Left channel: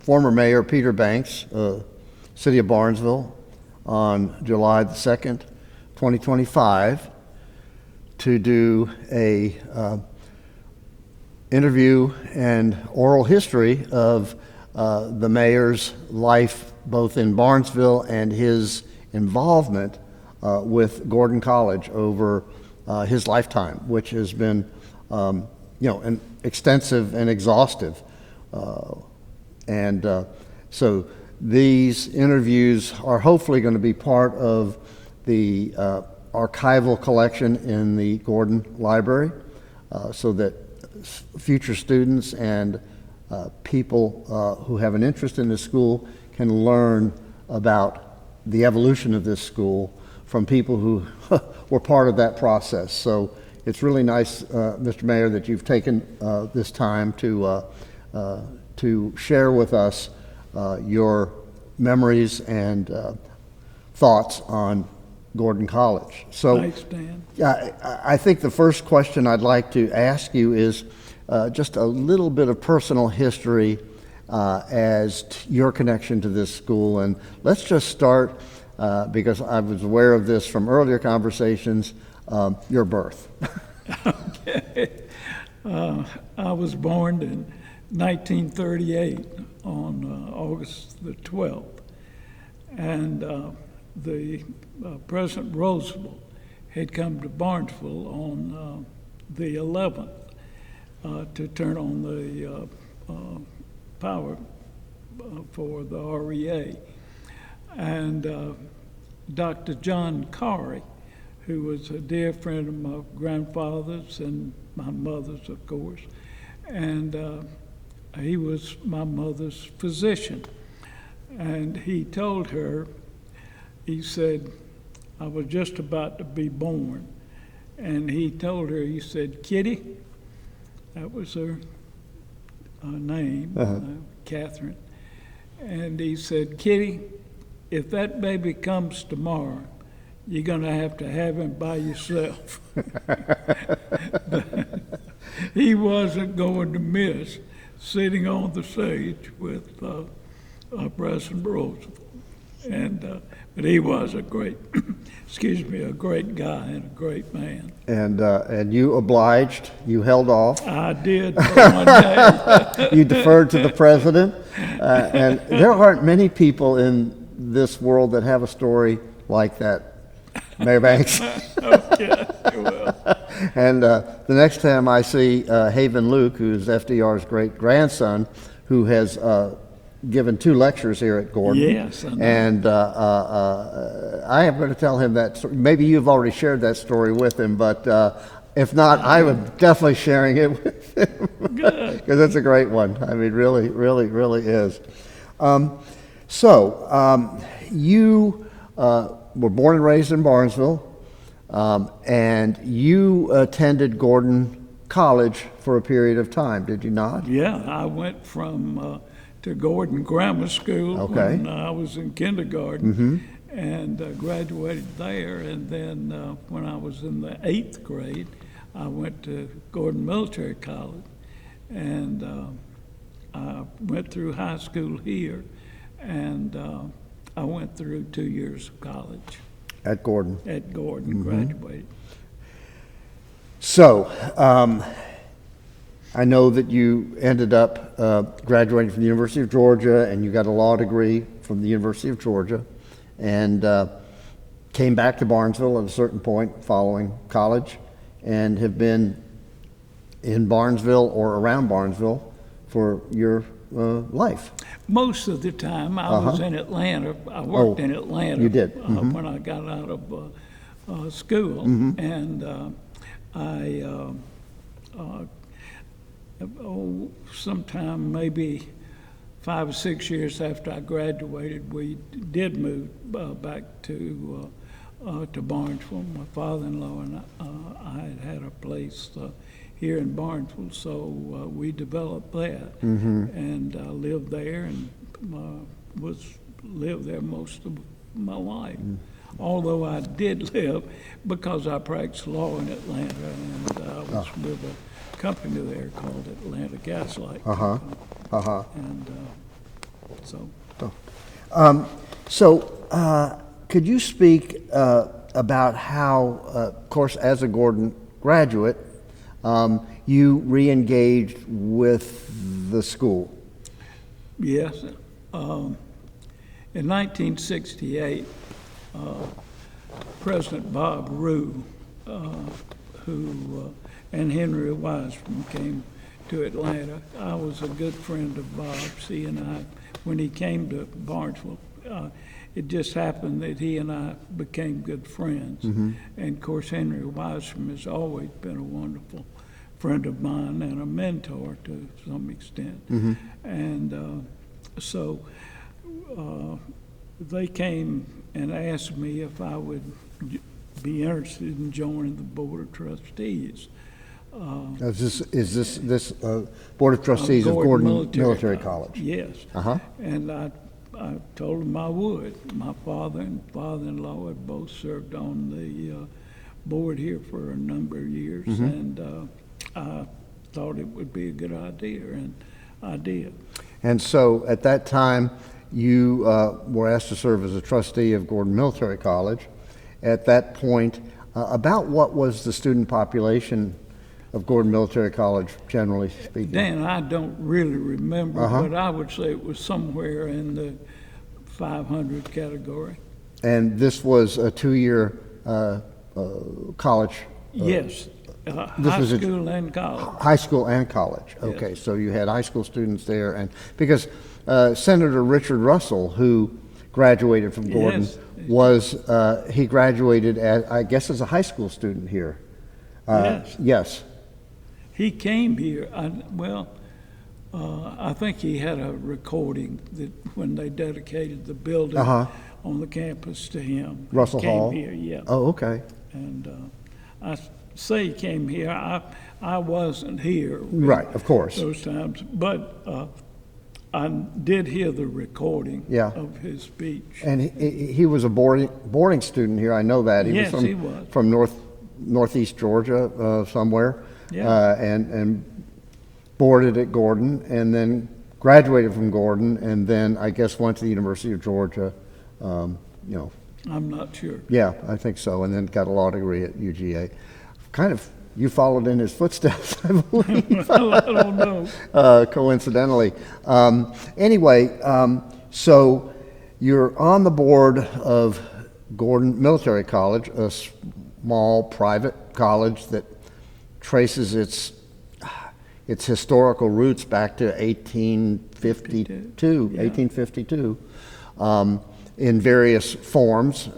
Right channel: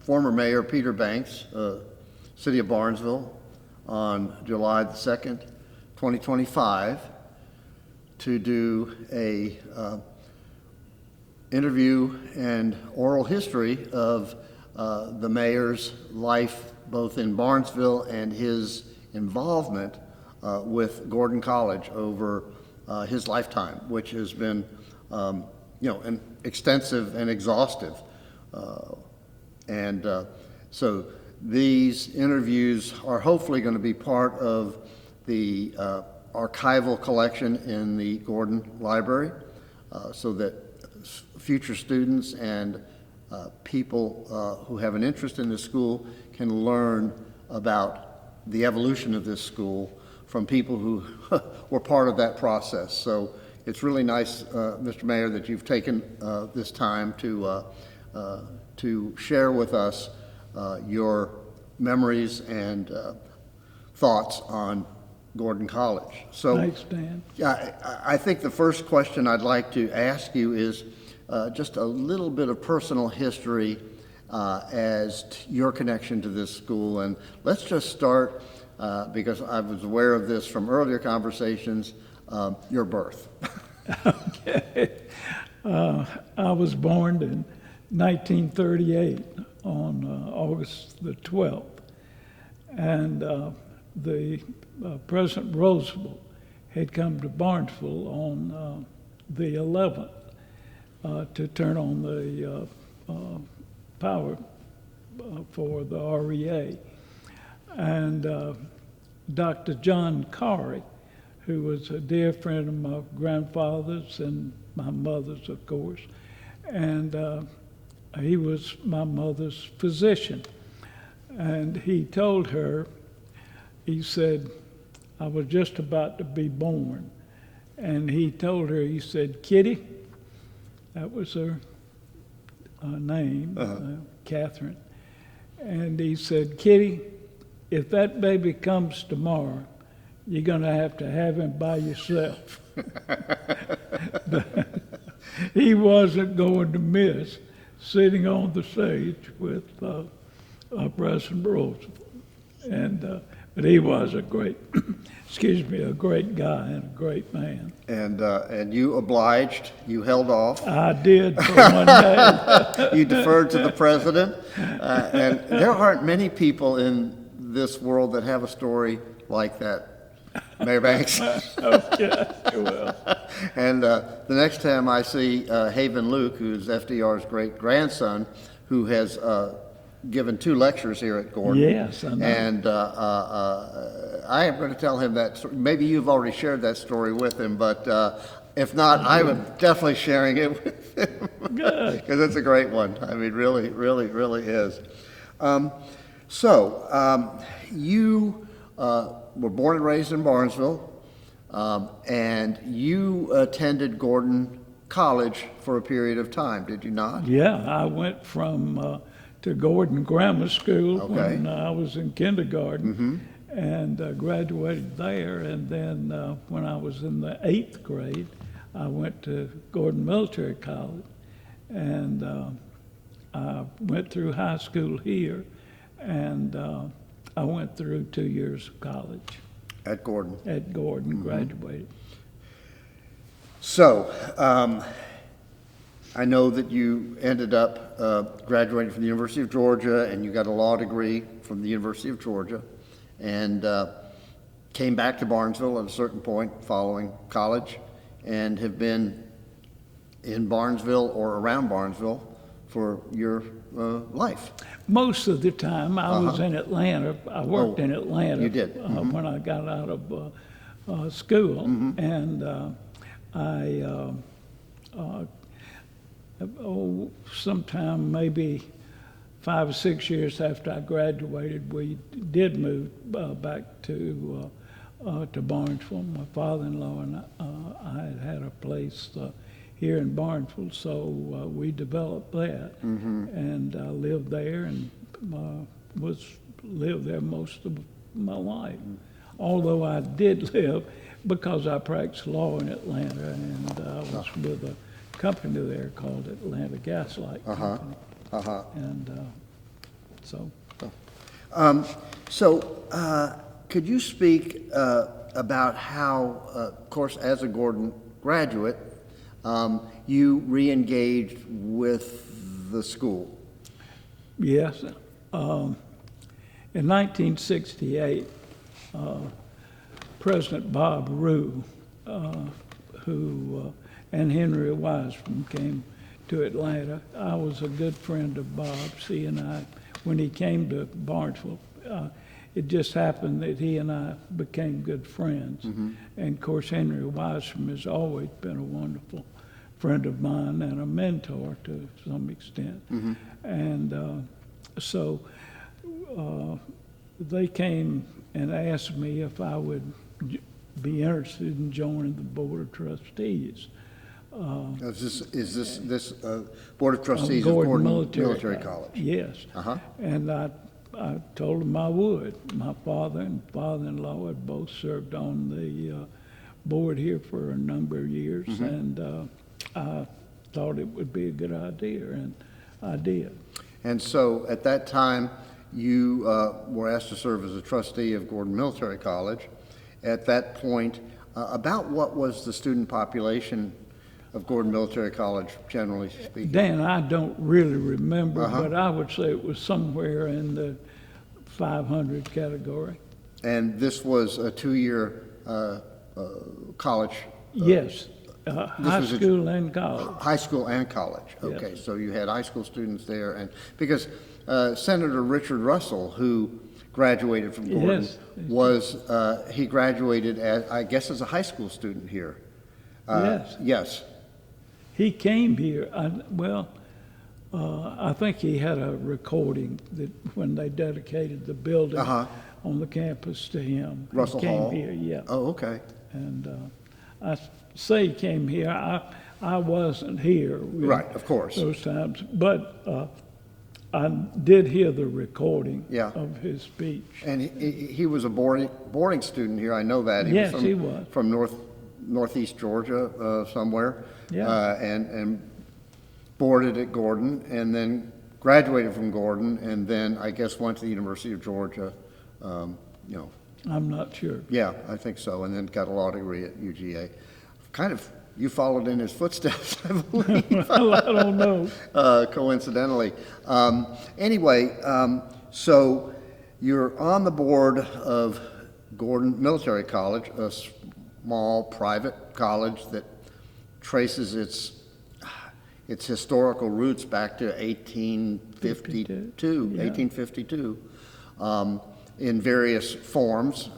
former Mayor Peter Banks, City of Barnesville, on July the 2nd, 2025, to do a interview and oral history of the mayor's life both in Barnesville and his involvement with Gordon College over his lifetime, which has been an extensive and exhaustive. So these interviews are hopefully going to be part of the archival collection in the Gordon Library, so that future students and people who have an interest in the school can learn about the evolution of this school from people who were part of that process. So it's really nice, Mr. Mayor, that you've taken this time to share with us your memories and thoughts on Gordon College. So, Thanks, Dan. I think the first question I'd like to ask you is just a little bit of personal history as to your connection to this school. And let's just start, because I was aware of this from earlier conversations, your birth. Okay. I was born in 1938 on August the 12th. And the President Roosevelt had come to Barnesville on the 11th to turn on the power for the REA. And Dr. John Corey, who was a dear friend of my grandfather's and my mother's, of course, and he was my mother's physician. And he told her, he said, I was just about to be born. And he told her, he said, Kitty, that was her name, Catherine. And he said, Kitty, if that baby comes tomorrow, you're going to have him by yourself. He wasn't going to miss sitting on the stage with President Roosevelt. And but he was a great, a great guy and a great man. And you obliged, you held off. I did for one day. You deferred to the president. And there aren't many people in this world that have a story like that, Mayor Banks. Okay, well. And the next time I see Haven Luke, who's FDR's great grandson, who has given 2 lectures here at Gordon. Yes, I know. And I am going to tell him that story. Maybe you've already shared that story with him, but if not, I would definitely sharing it with him. Good. Because it's a great one. I mean, really, really, really is. You were born and raised in Barnesville, and you attended Gordon College for a period of time, did you not? Yeah, I went from to Gordon Grammar School Okay. when I was in kindergarten, and graduated there. And then when I was in the 8th grade, I went to Gordon Military College, and I went through high school here, and I went through 2 years of college At Gordon. at Gordon, graduated. So, I know that you ended up graduating from the University of Georgia, and you got a law degree from the University of Georgia, and came back to Barnesville at a certain point following college, and have been in Barnesville or around Barnesville for your life. Most of the time, I was in Atlanta. I worked in Atlanta. You did? When I got out of school, and sometime maybe 5 or 6 years after I graduated, we did move back to Barnesville. My father-in-law and I had a place here in Barnesville, so we developed that, and I lived there and lived there most of my life. Although I did live, because I practiced law in Atlanta, and I was with a company there called Atlanta Gaslight Company. Uh-huh. And so, Could you speak about how, of course, as a Gordon graduate, you re-engaged with the school? yes. In 1968, President Bob Rue, and Henry Wiseman came to Atlanta. I was a good friend of Bob's. He and I, when he came to Barnesville, it just happened that he and I became good friends. And of course, Henry Wiseman has always been a wonderful friend of mine and a mentor to some extent. And so they came and asked me if I would be interested in joining the Board of Trustees. Is this Board of Trustees of Gordon Military College? Yes. Uh-huh. And I told them I would. My father and father-in-law had both served on the board here for a number of years, and I thought it would be a good idea, and I did. And so at that time, you were asked to serve as a trustee of Gordon Military College. At that point, about what was the student population of Gordon Military College, generally speaking? Dan, I don't really remember, but I would say it was somewhere in the 500 category. And this was a two-year college? Yes, high school and college. High school and college, okay. So you had high school students there, and because Senator Richard Russell, who graduated from Gordon, he graduated I guess as a high school student here. Yes. Yes. He came here, I think he had a recording that when they dedicated the building on the campus to him. Russell he came Hall? here, yeah. Oh, okay. And I say he came here, I wasn't here. Right, of course. Those times, but I did hear the recording of his speech. And he was a boarding student here, I know that. Yes, he was. From northeast Georgia, somewhere. Yeah. And boarded at Gordon, and then graduated from Gordon, and then I guess went to the University of Georgia, you know. I'm not sure. Yeah, I think so, and then got a law degree at UGA. Kind of, you followed in his footsteps, I believe. Well, I don't know. Coincidentally. Anyway, so you're on the board of Gordon Military College, a small private college that traces its historical roots back to 1852, in various forms,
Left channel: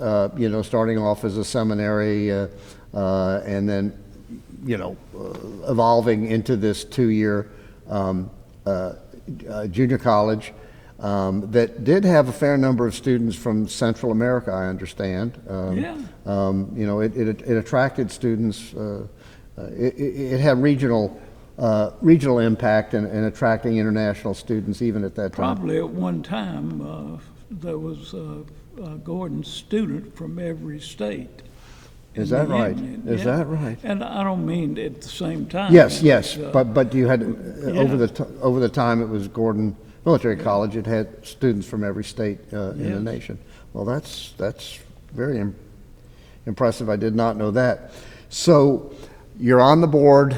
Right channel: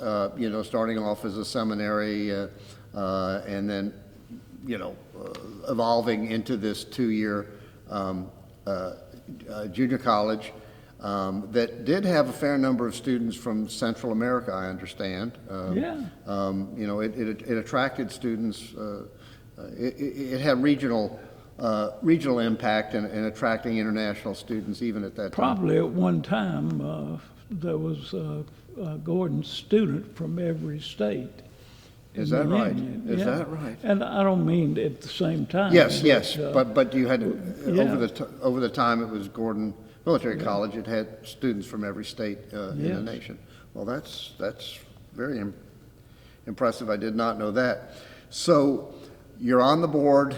starting off as a seminary, and then, evolving into this two-year junior college that did have a fair number of students from Central America, I understand. It attracted students. It had regional impact in attracting international students even at that time. Probably at one time, there was a Gordon student from every state. Is that right? Union. Is that right? And I don't mean at the same time. Yes, but you had over the time it was Gordon Military College. It had students from every state in the nation. Well, that's very impressive. I did not know that. So you're on the board,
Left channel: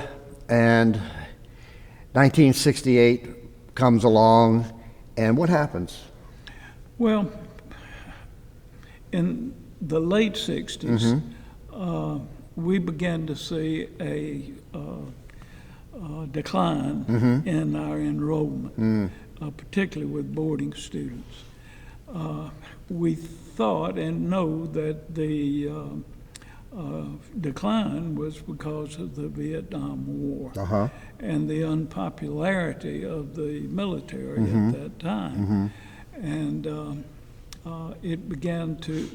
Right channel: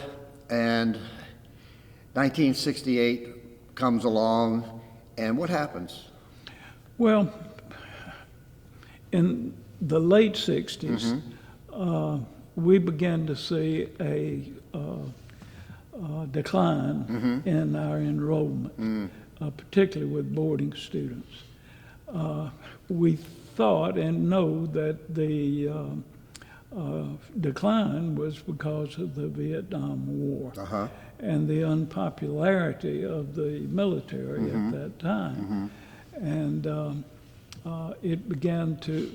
and 1968 comes along, and what happens? Well, in the late 60s, we began to see a decline in our enrollment, particularly with boarding students. We thought and know that the decline was because of the Vietnam War and the unpopularity of the military at that time. And it began to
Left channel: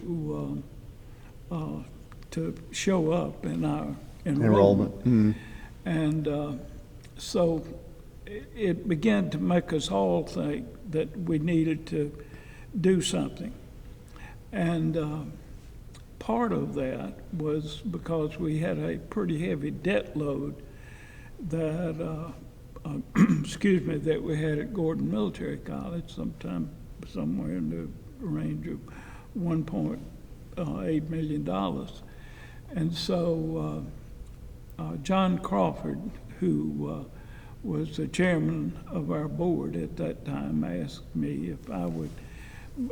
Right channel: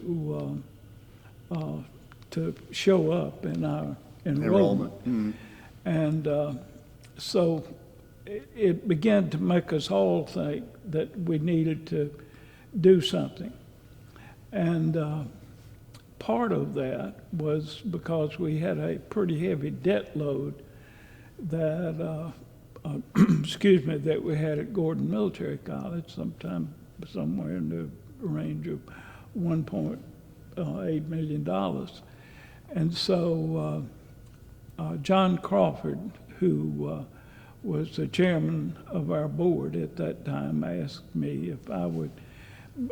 show up in our enrollment. And so it began to make us all think that we needed to do something. And part of that was because we had a pretty heavy debt load that excuse me, that we had at Gordon Military College, somewhere in the range of $1.8 million. And so John Crawford, who was the chairman of our board at that time, asked me if I would,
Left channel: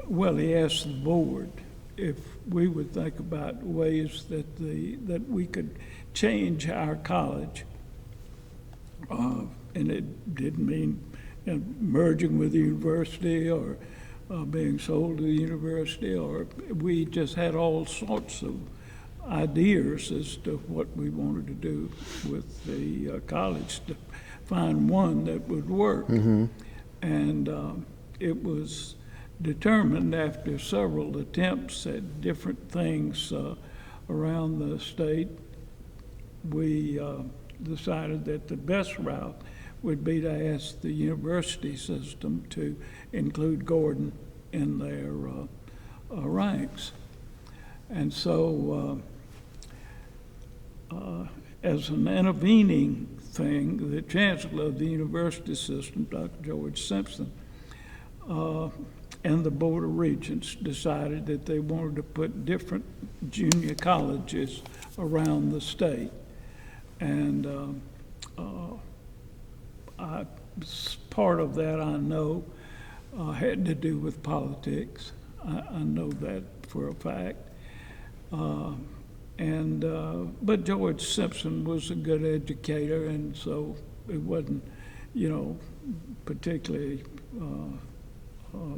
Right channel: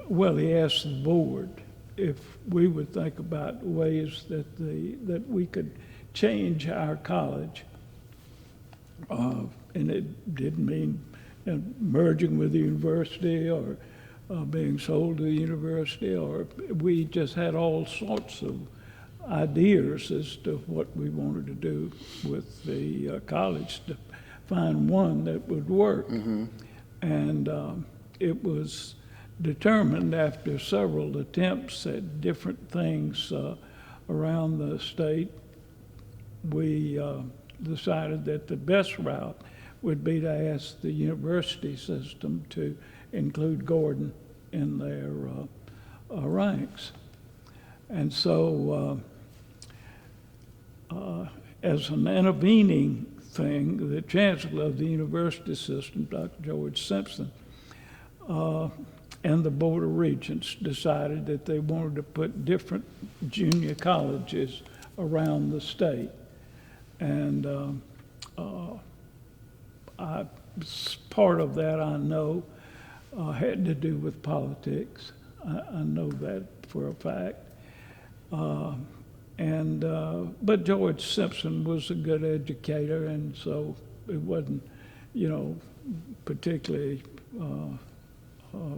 well, he asked the board if we would think about ways that we could change our college. And it didn't mean merging with the university or being sold to the university, or we just had all sorts of ideas as to what we wanted to do with the college to find one that would work. And it was determined after several attempts at different things around the state, we decided that the best route would be to ask the university system to include Gordon in their ranks. And so as an intervening thing, the chancellor of the university system, Dr. George Simpson, and the Board of Regents decided that they wanted to put different junior colleges around the state. And part of that, I know, had to do with politics. I know that for a fact. But George Simpson was a good educator, and so it wasn't, particularly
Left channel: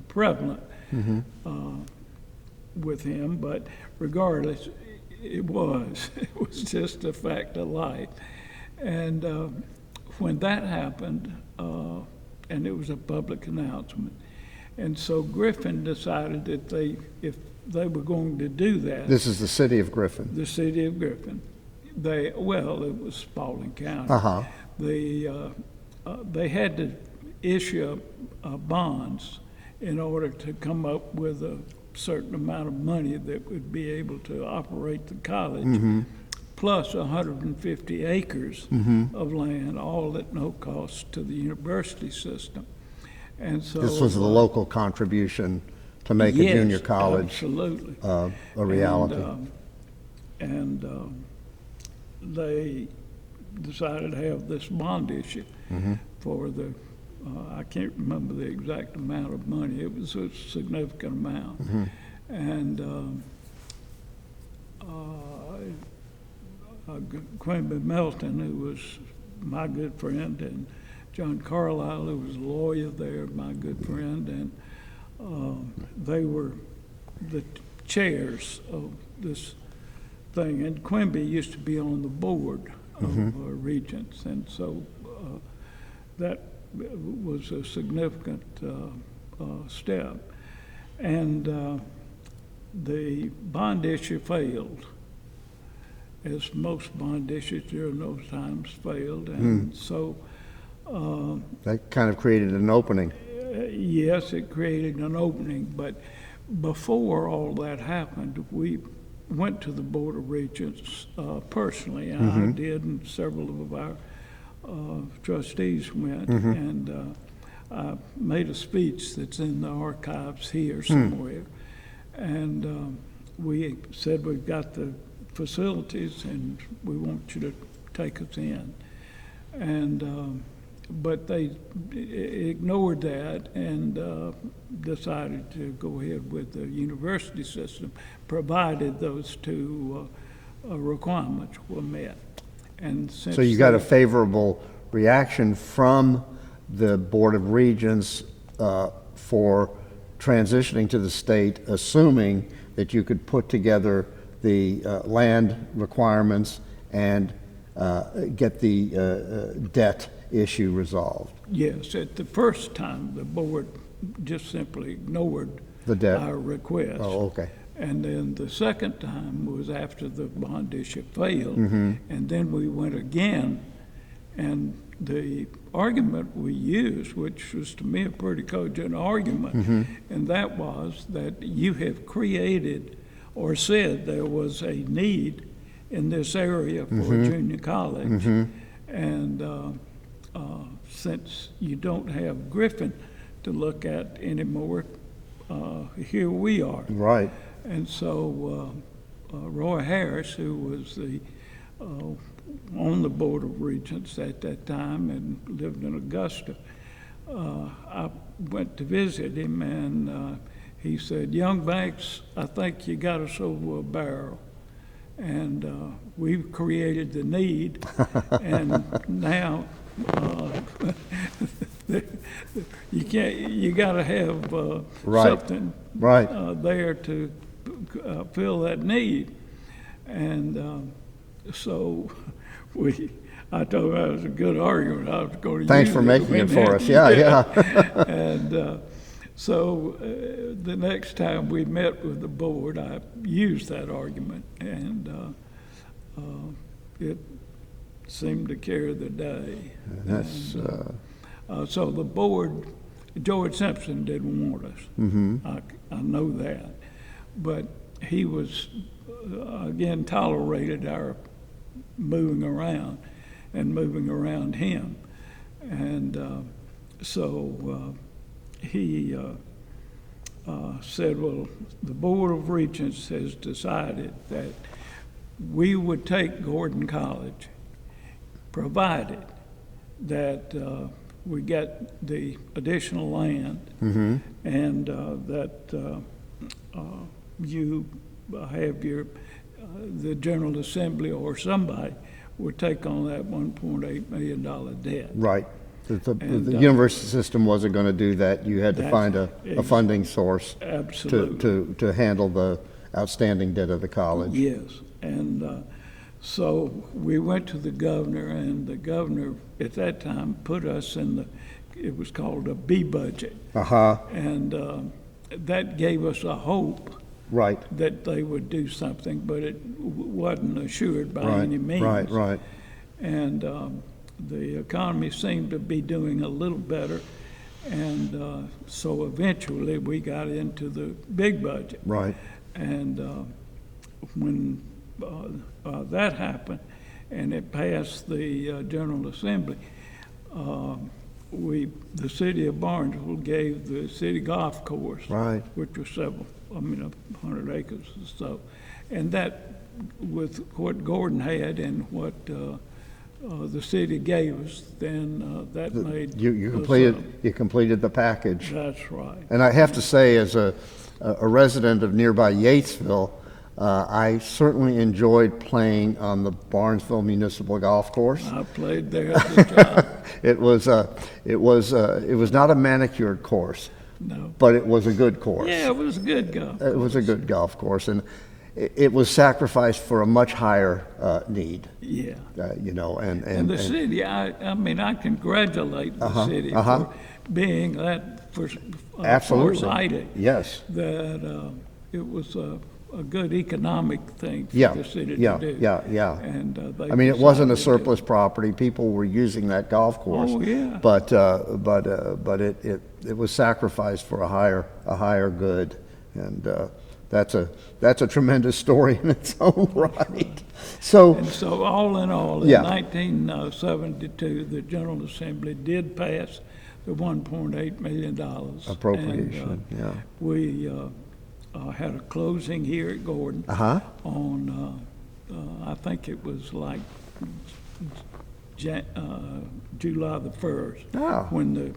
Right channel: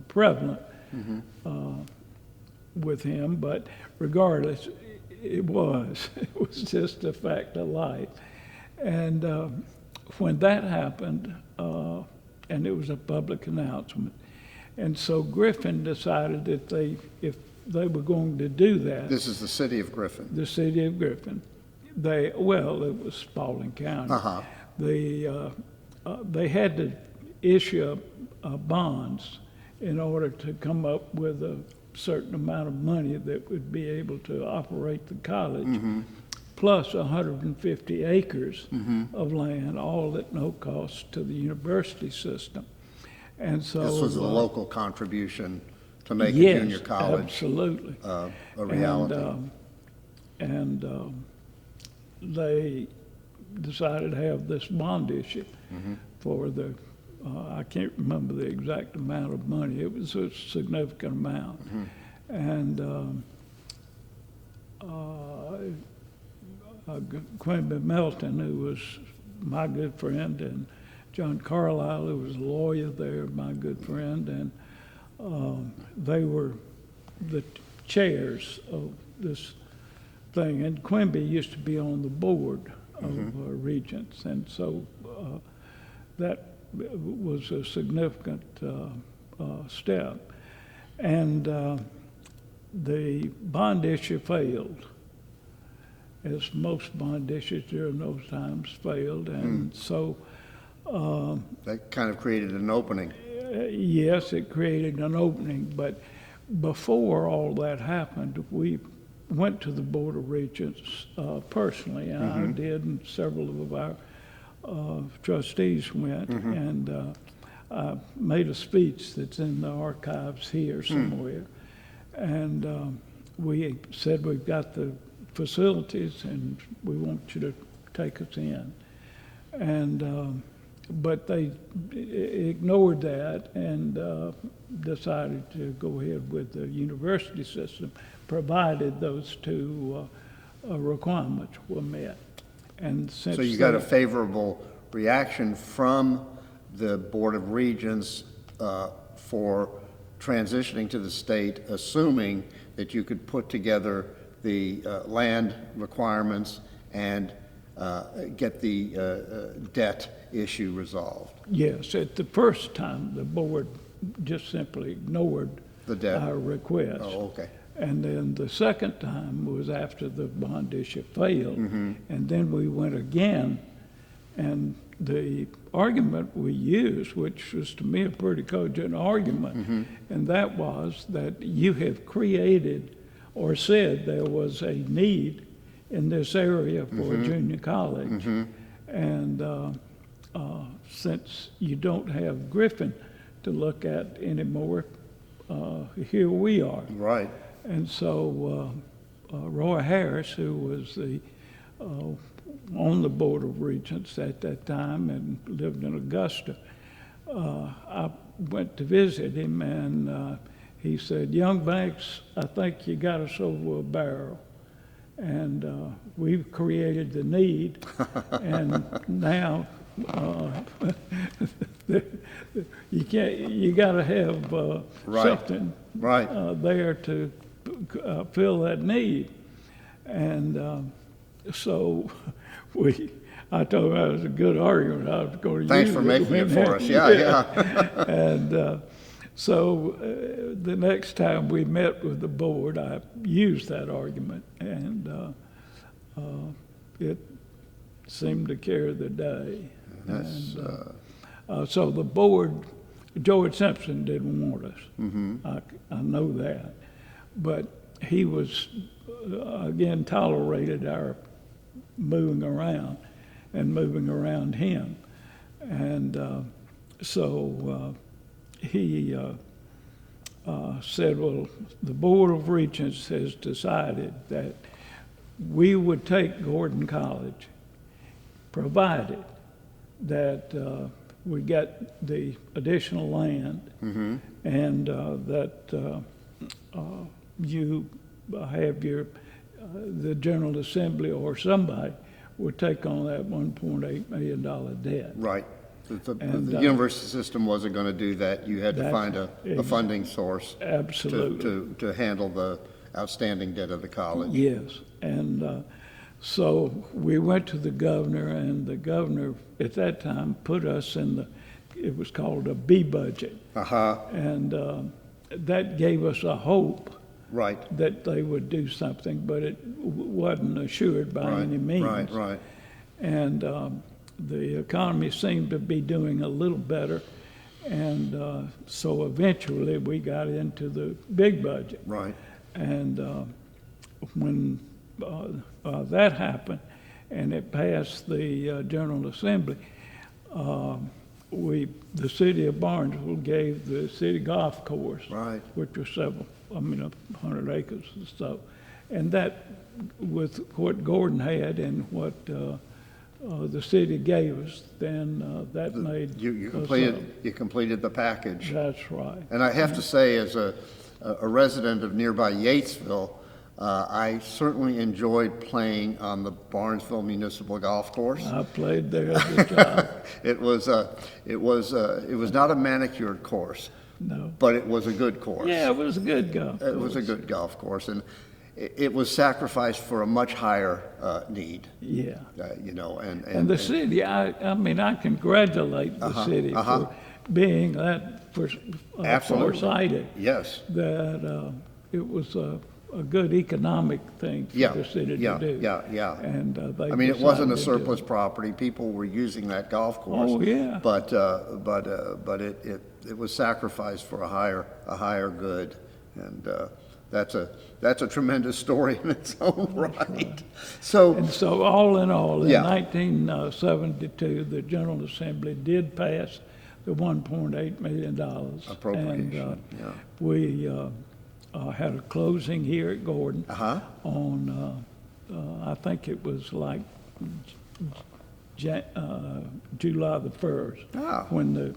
prevalent with him. But regardless, it was just a fact of life. And when that happened, and it was a public announcement, and so Griffin decided that if they were going to do that. This is the city of Griffin. The city of Griffin. It was Spalding County. Uh-huh. They had to issue bonds in order to come up with a certain amount of money that would be able to operate the college, plus 150 acres of land, all at no cost to the university system. And so This was the local contribution to make a junior college absolutely. A reality. And they decided to have this bond issue for the, I can't remember the exact amount of money. It was a significant amount. And Quimby Melton, who was my good friend, and John Carlisle, who was a lawyer there, my good friend, and they were the chairs of this thing. And Quimby used to be on the board of Regents, and so that was a significant step. And the bond issue failed, as most bond issues during those times failed. And so That kind of created an opening. yes, it created an opening, but before all that happened, we went to the Board of Regents personally. I did, and several of our trustees went, and I made a speech that's in the archives here somewhere. And we said, we've got the facilities and we want you to take us in. And but they ignored that and decided to go ahead with the university system, provided those two requirements were met. And since So you got a then- favorable reaction from the Board of Regents for transitioning to the state, assuming that you could put together the land requirements and get the debt issue resolved. Yes, at the first time, the board just simply ignored The debt. our request. Oh, okay. And then the second time was after the bond issue failed. Mm-hmm. And then we went again, and the argument we used, which was to me a pretty cogent argument, Mm-hmm. and that was that you have created or said there was a need in this area for Mm-hmm. a junior college. And since you don't have Griffin to look at anymore, here we are. Right. And so Roy Harris, who was on the Board of Regents at that time and lived in Augusta, I went to visit him, and he said, "Young Banks, I think you got us over a barrel." And we've created the need, and now you got to have Right. something Right. there to fill that need. And so I told him that was a good argument. I was going to Thanks use for it making when it for that- us. Yeah, yeah. And so the next time we met with the board, I used that argument, and it seemed to carry the day. That's, So the board, George Simpson didn't want us. I know that. But he was, again, tolerated our moving around and moving around him. And so he said, well, the Board of Regents has decided that we would take Gordon College, provided that we get the additional land and that you have the General Assembly or somebody would take on that $1.8 million debt. right. The And, university system wasn't going to do that. You had to That's find a funding source Absolutely. to handle the outstanding debt of the college. Yes, and so we went to the governor, and the governor at that time put us in it was called a B budget. Uh-huh. And that gave us a hope Right. that they would do something, but it wasn't assured by Right. any means. Right. Right. And the economy seemed to be doing a little better, and so eventually we got into the big budget. Right. And when that happened, and it passed the General Assembly, the city of Barnesville gave the city golf course, Right. which was 100 acres or so, and that with what Gordon had and what the city gave us, then that made You us, completed the package. that's right. And I have to say, as a resident of nearby Yatesville, I certainly enjoyed playing on the Barnesville Municipal Golf Course. I played there as a child. It was not a manicured course, No. but it was a good course. Yeah, it was a good golf. It was a good golf course, and it was sacrificed for a much higher need. Yeah. And The city, I mean, I congratulate the city for being that Absolutely. foresighted, Yes. that it was a good economic thing for Yeah, the city yeah, to do. yeah. And they I mean, it wasn't a decided to do it. surplus property. People were using that golf course. Oh, yeah. But it was sacrificed for a higher good, and that's a tremendous story in its own right. So, And so all in all, in Yeah. 1972, the General Assembly did pass the $1.8 million. Appropriation, And, yeah. We had a closing here at Gordon Uh-huh. on, I think it was like July the 1st. Ah. When the,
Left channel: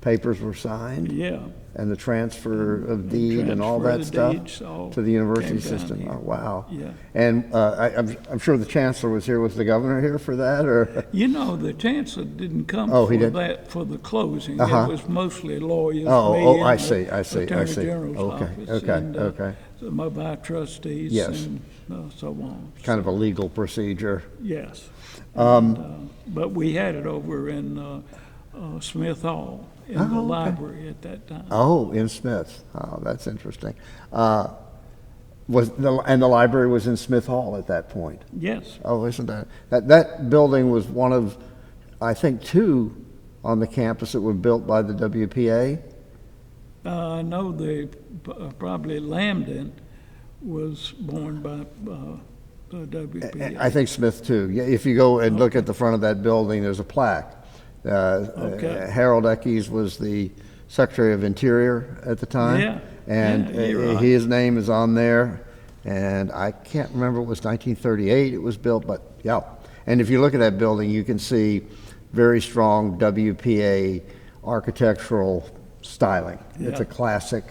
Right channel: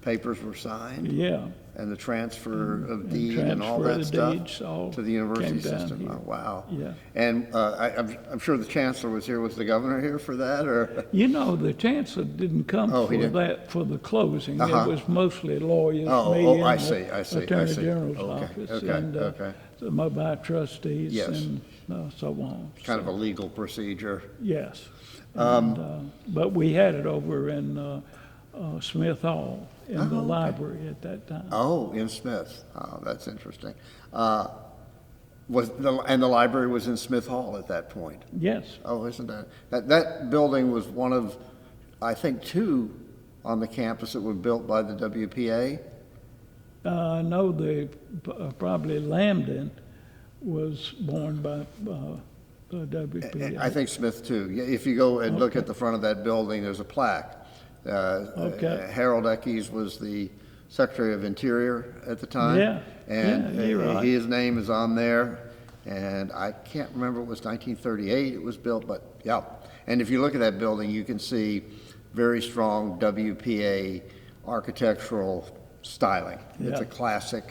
papers were signed, yeah. and the transfer of deed and transfer all of that the stuff deeds all to the university came down system. here. Oh, wow. Yeah. And I'm sure the chancellor was here. Was the governor here for that, or? You know, the chancellor didn't come Oh, for he didn't? that, for the closing. Uh-huh. It was mostly lawyers, Oh, me oh, and I the see. Attorney General's Okay, office, okay, and okay. some of our trustees Yes. and so on. Kind of a legal procedure. Yes. And, but we had it over in Smith Hall in the library at that time. Oh, in Smith. Oh, that's interesting. And the library was in Smith Hall at that point. Yes. Oh, isn't that building was one of, I think, two on the campus that were built by the WPA? I know probably Lambden was born by the WPA. I think Smith too. Yeah, if you go and look at the front of that building, there's a plaque Okay. Harold Eckes was the Secretary of Interior at the time. Yeah, And yeah, you're right. his name is on there. And I can't remember, it was 1938 it was built, but yeah. And if you look at that building, you can see very strong WPA architectural styling. It's Yeah. a classic,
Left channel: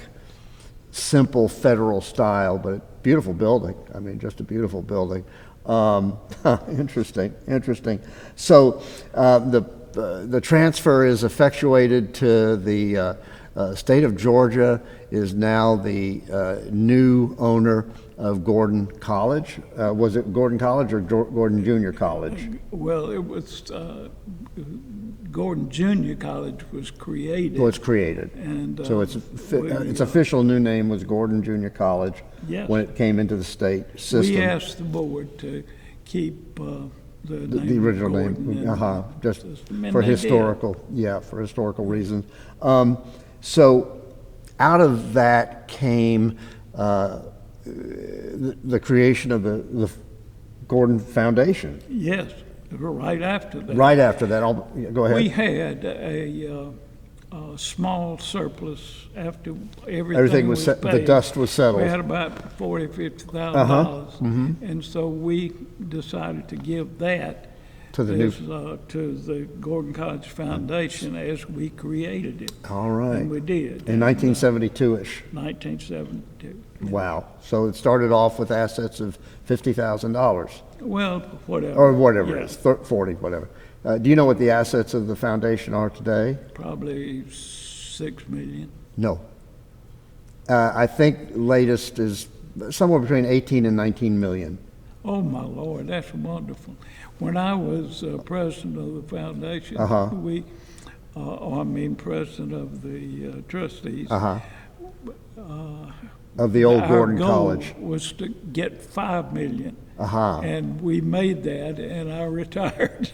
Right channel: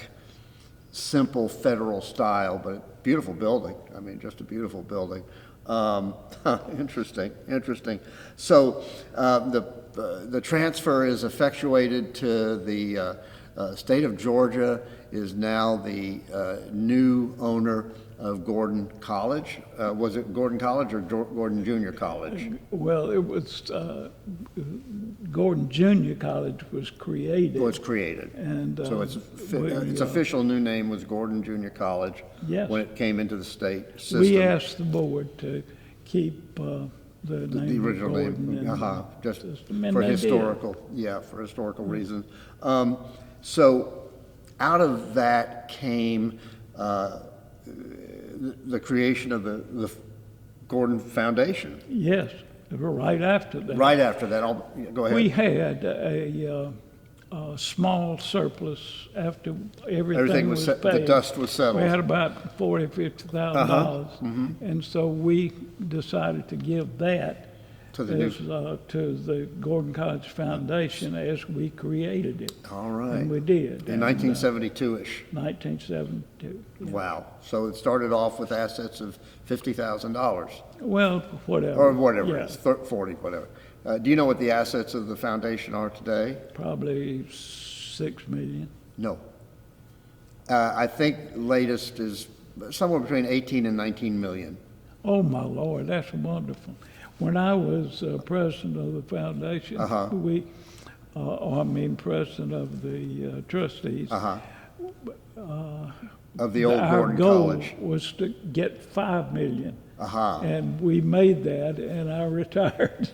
simple federal style, but beautiful building. I mean, just a beautiful building. Interesting. So the transfer is effectuated to the state of Georgia is now the new owner of Gordon College. Was it Gordon College or Gordon Junior College? Well, it was, Gordon Junior College was created. Was created. And, So its official new name was Gordon Junior College Yes. when it came into the state system. We asked the board to keep the name. The original Gordon name, in the just system, and for they did. for historical reasons. So out of that came the creation of the Gordon Foundation. Yes, right after that. Right after that, go ahead. We had a small surplus after Everything everything was was set- the paid. dust was settled. We had about $40,000-$50,000. Mm-hmm. And so we decided to give that To the new- to the Gordon College Foundation as we created it. All right. And we did. In 1972-ish. 1972. Wow. So it started off with assets of $50,000 Well, whatever. or whatever Yeah, it is, 40, whatever. Do you know what the assets of the foundation are today? Probably 6 million. No. I think latest is somewhere between 18 and 19 million. Oh, my Lord, that's wonderful. When I was president of the foundation, we, president of the trustees, Of the old our Gordon goal College. was to get 5 million. And we made that, and I retired.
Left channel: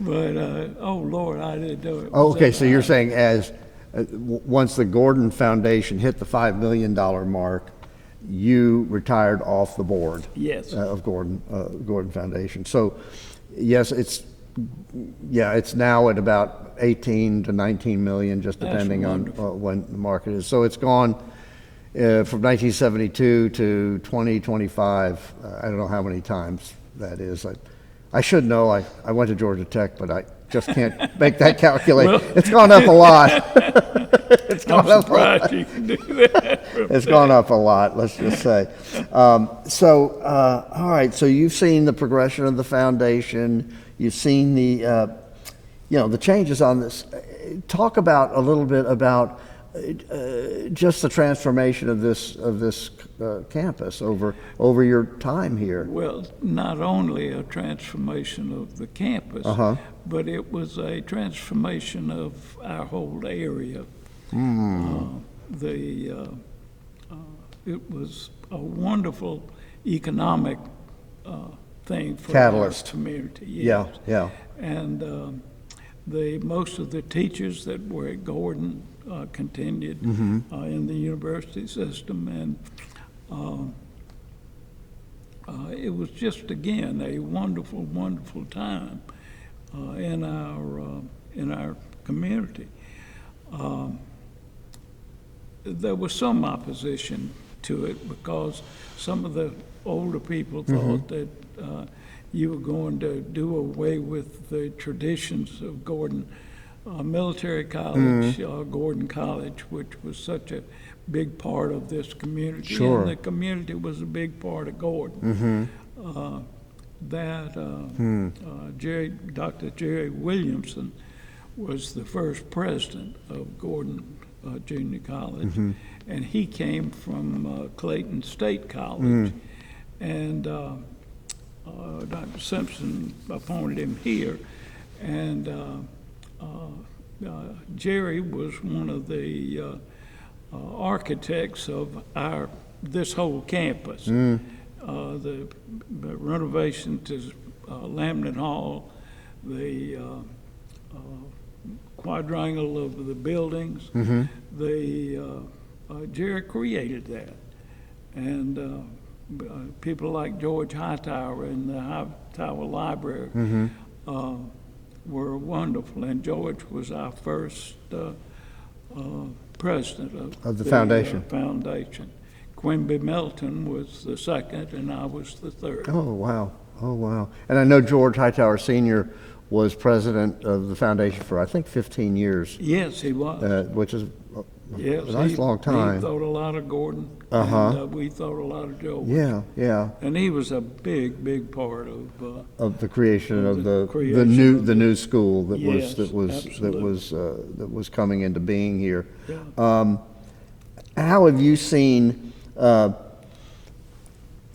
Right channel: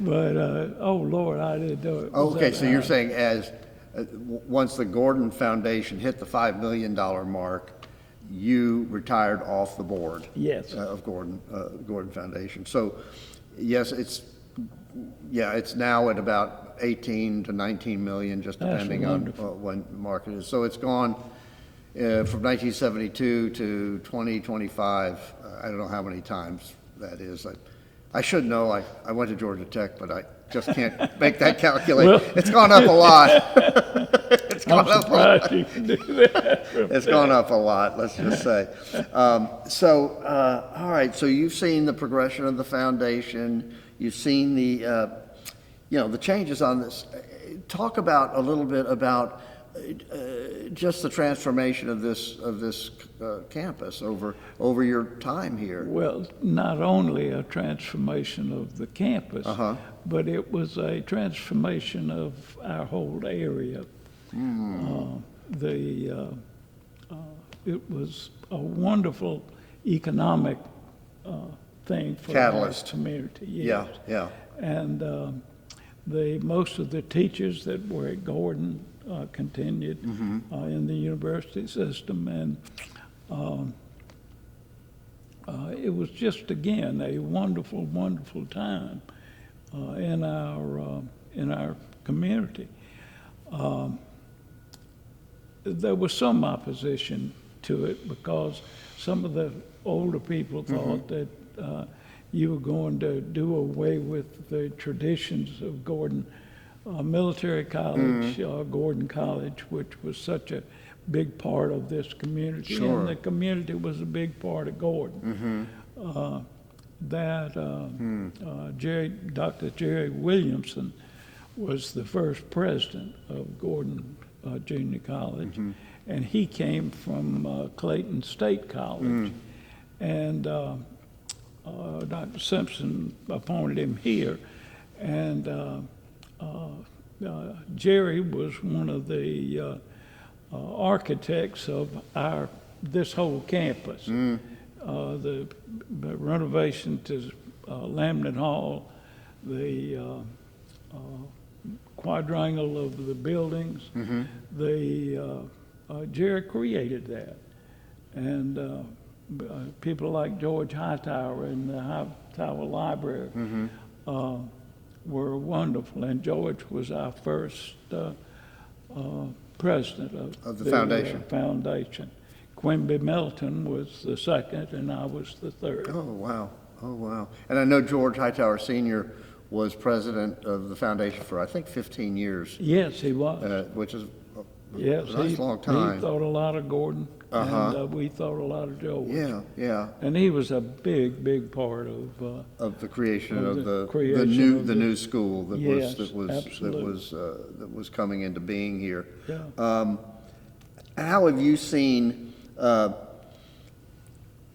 But, oh, Lord, I didn't do it. Oh, okay, so you're saying once the Gordon Foundation hit the $5 million mark, you retired off the board? Yes. Of Gordon Foundation. So, yes, it's now at about 18 to 19 million, just That's depending on wonderful. when the market is. So it's gone from 1972 to 2025. I don't know how many times that is. I should know. I went to Georgia Tech, but I just can't make that calculation. It's gone up a lot. It's gone up a lot. Surprised you can do that. It's gone up a lot, let's just say. All right, so you've seen the progression of the foundation. You've seen the changes on this. Talk about a little bit about just the transformation of this campus over your time here. Well, not only a transformation of the campus, but it was a transformation of our whole area. It was a wonderful economic thing for Catalyst. our community. Yeah, Yes. yeah. And most of the teachers that were at Gordon continued in the university system, and it was just again a wonderful, wonderful time in our community. There was some opposition to it because some of the older people thought that you were going to do away with the traditions of Gordon Military College, Gordon College, which was such a big part of this community. Sure. And the community was a big part of Gordon. Dr. Jerry Williamson was the first president of Gordon Junior College, and he came from Clayton State College. And Dr. Simpson appointed him here, and Jerry was one of the architects of this whole campus. The renovation to Lamnet Hall, the quadrangle of the buildings, Jerry created that. And people like George Hightower in the Hightower Library were wonderful, and George was our first president Of the foundation. Foundation. Quimby Melton was the second, and I was the third. Oh, wow. Oh, wow. And I know George Hightower Sr. was president of the foundation for, I think, 15 years, Yes, he was. which is Yes, a nice he- long time. He thought a lot of Gordon, Uh-huh. and we thought a lot of George. Yeah, yeah. And he was a big part Of the creation Of of the the creation of the new school that Yes, that was coming into being here. Yeah. How have you seen,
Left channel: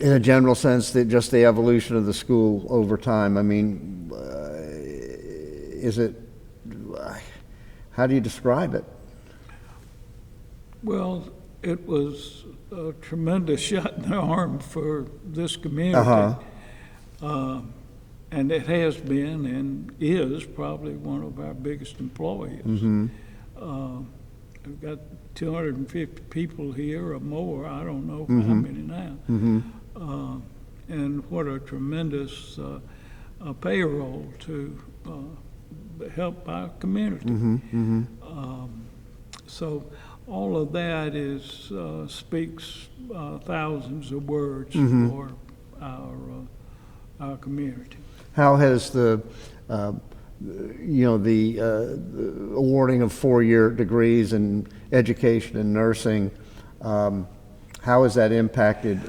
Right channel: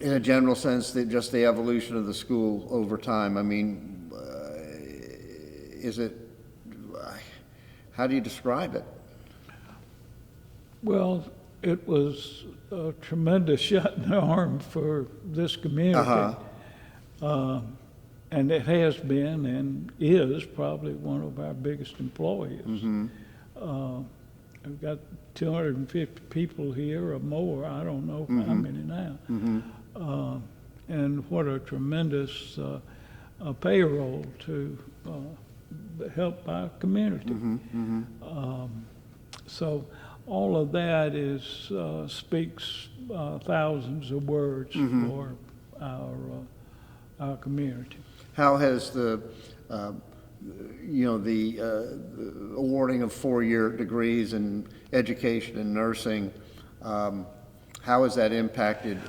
in a general sense, just the evolution of the school over time? I mean, is it? How do you describe it? Well, it was a tremendous shot in the arm for this community. Uh-huh. And it has been and is probably one of our biggest employers. I've got 250 people here or more, I don't know how many now. And what a tremendous payroll to help our community. So all of that is speaks thousands of words for our community. How has the awarding of 4-year degrees in education and nursing, how has that impacted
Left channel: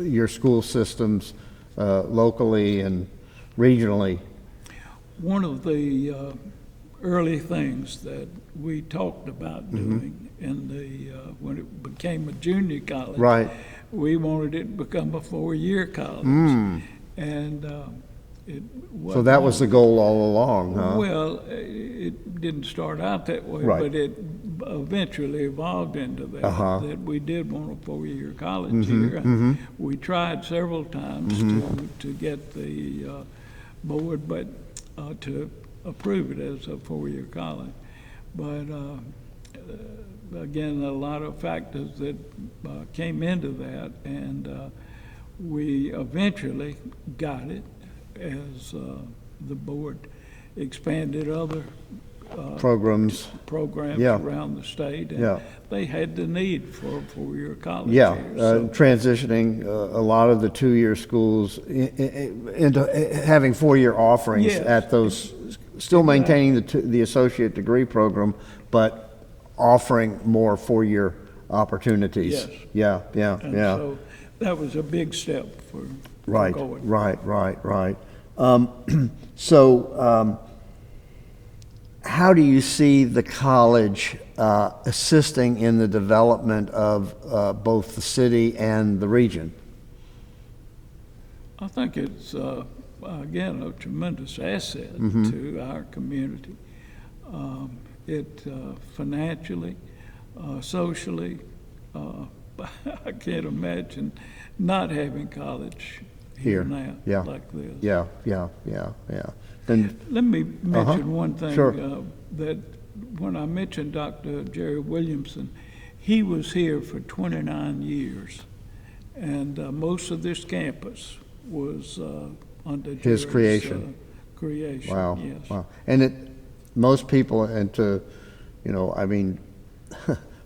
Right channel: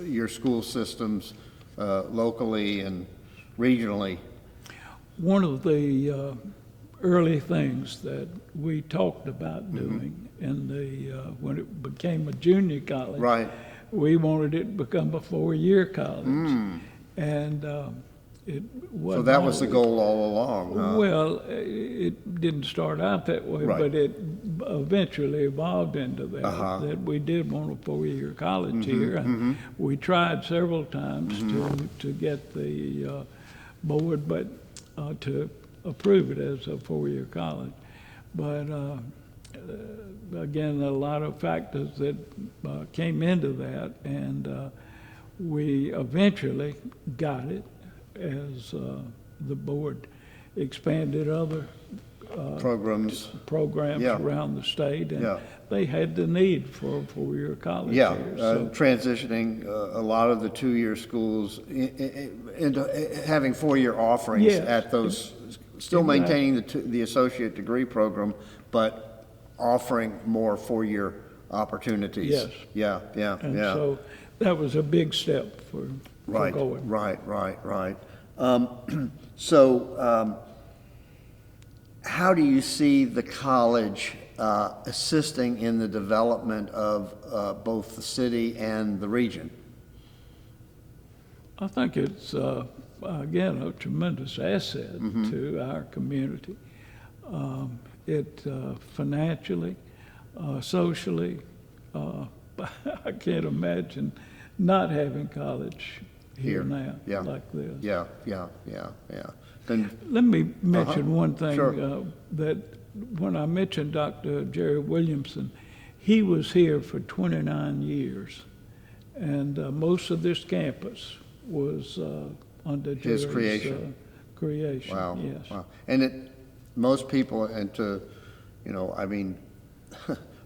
your school systems locally and regionally? One of the early things that we talked about doing in when it became a junior college, Right. we wanted it to become a 4-year college. And it was So that was the goal all along, huh? Well, it didn't start out that way, Right. but it eventually evolved into that, that we did want a 4-year college here. And we tried several times to get the board, but to approve it as a 4-year college. But again, a lot of factors that came into that, and we eventually got it as the board expanded other Programs. programs Yeah. around the state, and Yeah. they had the need for a 4-year college Yeah, here. So, transitioning a lot of the 2-year schools into having 4-year offerings Yes. at those, still maintaining the associate degree program, but offering more 4-year opportunities. Yes. Yeah, yeah, and yeah. so that was a big step for Right, going. right. So, how do you see the college assisting in the development of both the city and the region? I think it's, again, a tremendous asset to our community. It financially, socially, I can't imagine not having college here now Yeah. like this. Yeah. And, Let me mention one thing. Sure. That when I mentioned Dr. Jerry Williamson, he was here for 29 years. And most of this campus was under His Jerry's, creation. creation, wow, yes. wow. And most people, and I mean,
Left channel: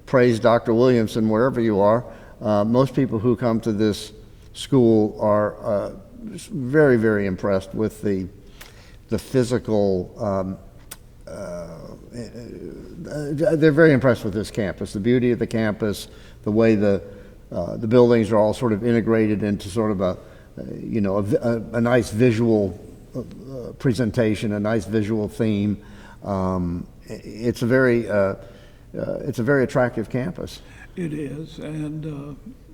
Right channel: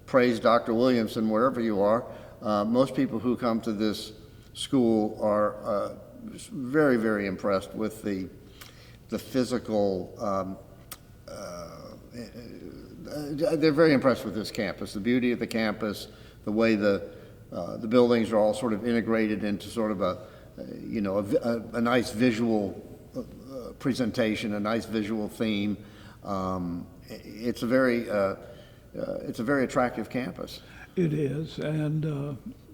praise Dr. Williamson wherever you are. Most people who come to this school are very, very impressed with the physical. They're very impressed with this campus, the beauty of the campus, the way the buildings are all sort of integrated into sort of a nice visual presentation, a nice visual theme. It's a very attractive campus. It is, and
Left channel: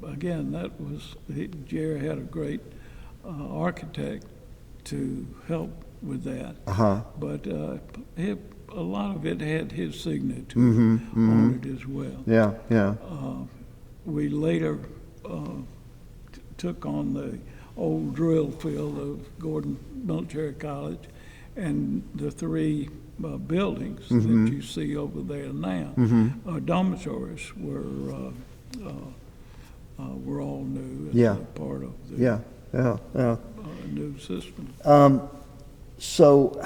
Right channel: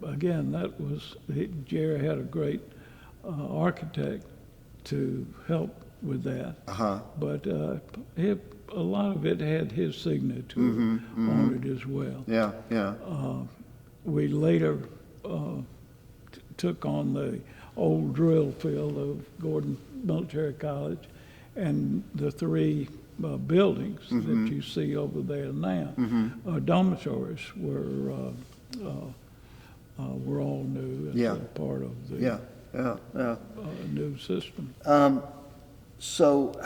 again, Jerry had a great architect to help with that. But a lot of it had his signature on it as well. Yeah. We later took on the old drill field of Gordon Military College, and the 3 buildings that you see over there now, dormitories were all new as Yeah. a part of the Yeah. new system. So,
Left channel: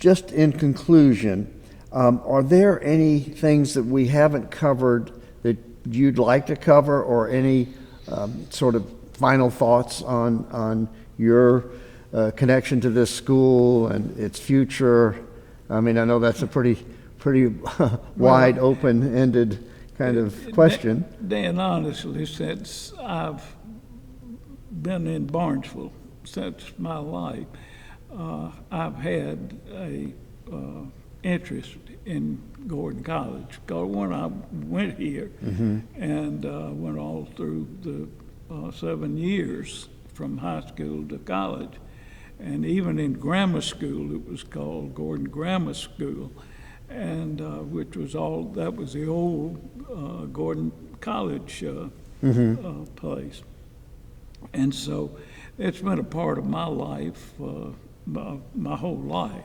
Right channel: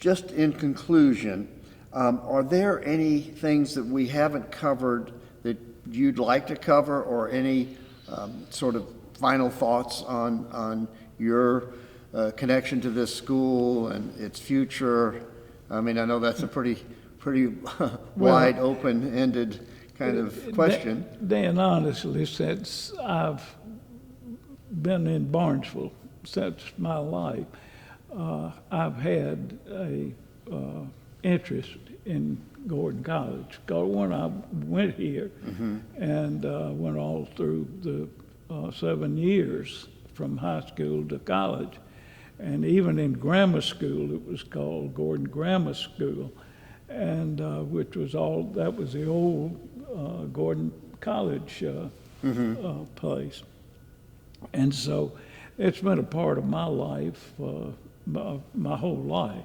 just in conclusion, are there any things that we haven't covered that you'd like to cover, or any sort of final thoughts on your connection to this school and its future? I mean, I know that's a pretty wide, open-ended kind of question. Dan, honestly, since I've been in Barnesville since my life, I've had a interest in Gordon College. When I went here and went all through the 7 years from high school to college, and even in grammar school, it was called Gordon Grammar School, and which was that was the old Gordon College place. And so it's been a part of my life, my whole life.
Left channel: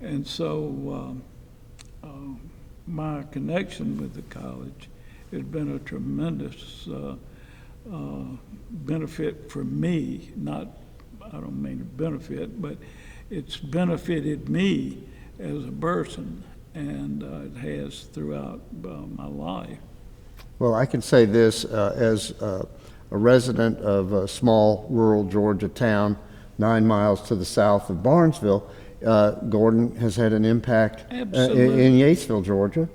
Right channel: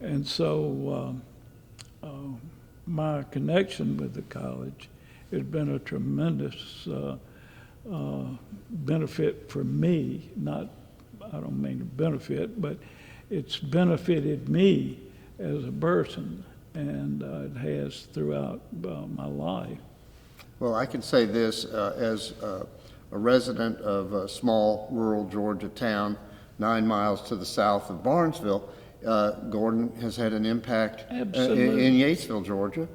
And so my connection with the college has been a tremendous benefit for me. I don't mean to benefit, but it's benefited me as a person, and it has throughout my life. Well, I can say this, as a resident of a small rural Georgia town 9 miles to the south of Barnesville, Gordon has had an impact in Yatesville, Georgia.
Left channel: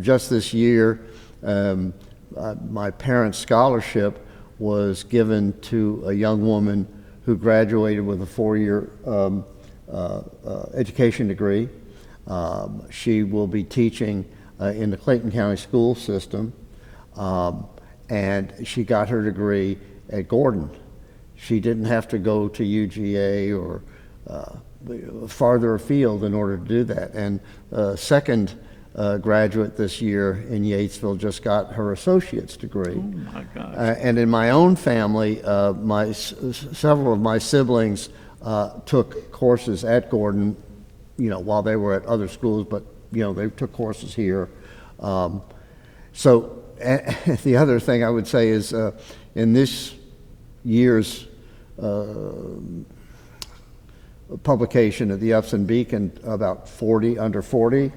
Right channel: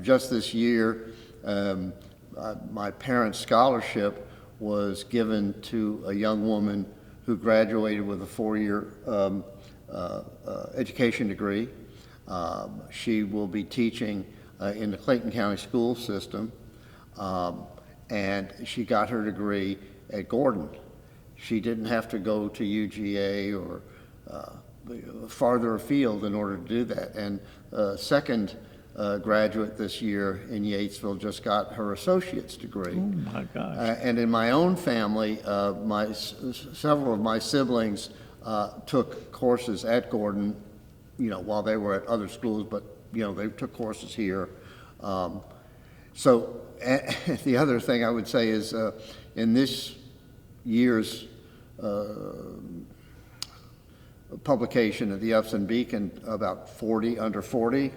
Just this year, my parents' scholarship was given to a young woman who graduated with a 4-year education degree. She will be teaching in the Clayton County school system, and she got her degree at Gordon. She didn't have to go to UGA or farther afield in order to do that. And second graduate this year in Yatesville just got her associate's degree. Oh my gosh. And in my own family, several of my siblings took courses at Gordon, while they were at other schools, but they took courses here. So the other thing I would say is in this year's publication of the Upson Beacon, about under 40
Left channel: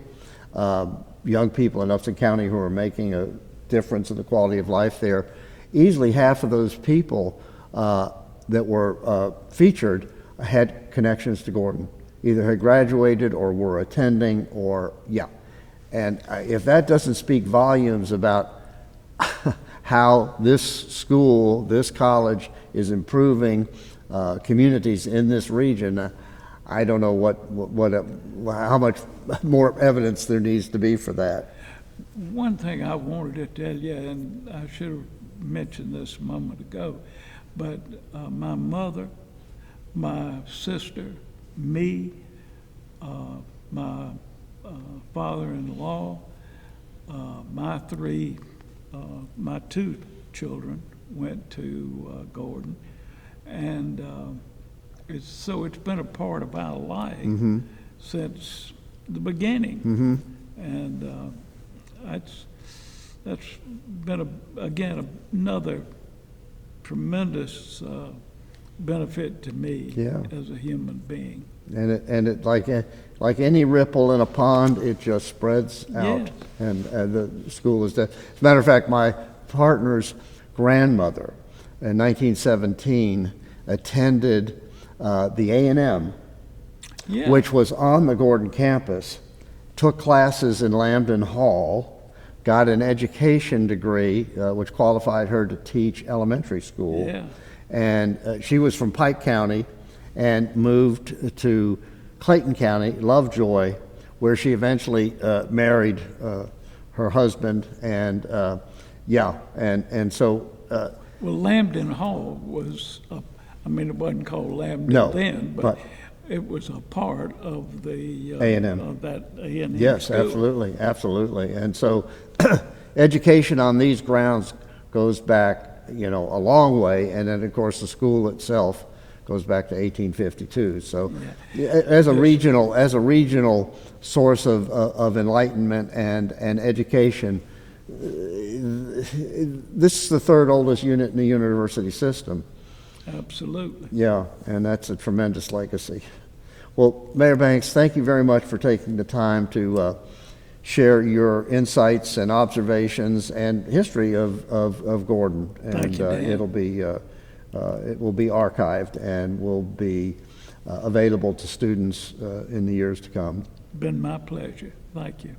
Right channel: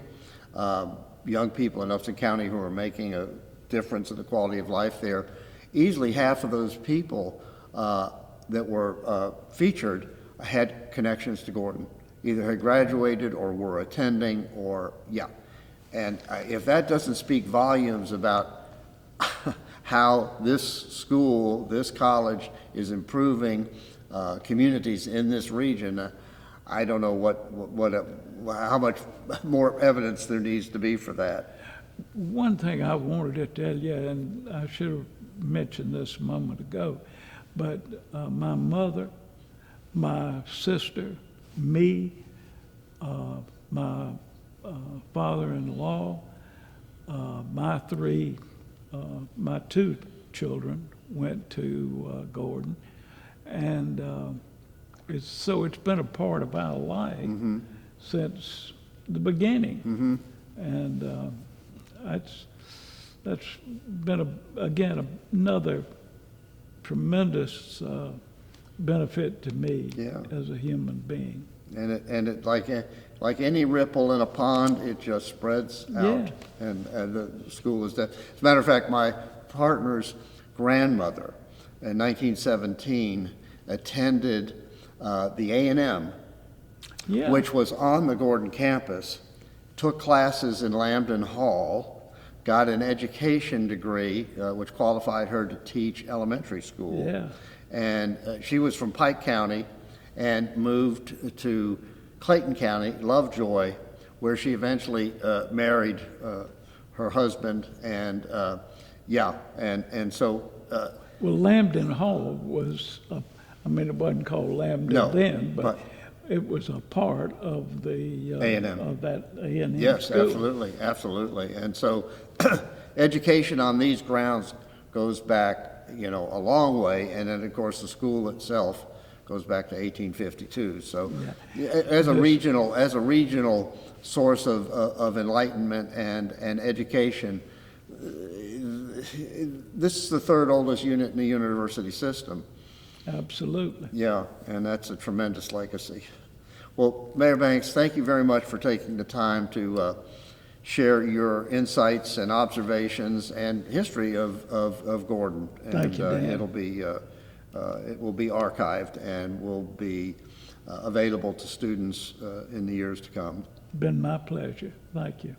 young people in Upson County who are making a difference in the quality of life there. Easily half of those people that were featured had connections to Gordon, either had graduated or were attending, and if that doesn't speak volumes about how this school, this college is improving communities in this region, I don't know how much more evidence there needs to be for that. One thing I wanted to tell you, and I should have mentioned this a moment ago, but my mother, my sister, me, my father-in-law, my 2 children went to Gordon, and it's been a part of our life since the beginning, and that's been another tremendous benefit to me as a human being. And it like any ripple in a pond, it just spreads out. Yeah. And the school is there. As a matter of fact, my partner's grandmother in 1917 attended the A&M, which was on the Gordon campus, took classes in Lambton Hall, got an education degree, which qualified her to teach elementary school. Yeah. And she was from Pike County and moved to Clayton County, Lovejoy, where she eventually married her husband. And so. Well, Lambton Hall was, it wasn't called Lambton then, but it was a part of the A&M. Of that A&M. Yes, school. absolutely. And so education on these grounds goes back, a long way. And then, of course, the school itself goes back to 1852. So as a regional source of enlightenment and education, this is the 3rd oldest unit in the university system. Absolutely. Yeah, and that's a tremendous legacy. Well, Mayor Banks, thank you very much for taking the time to share your insights and observations and history of Gordon. Thank you, Dan. And it will be archived and will be available to students in the years to come. Been my pleasure. Thank you.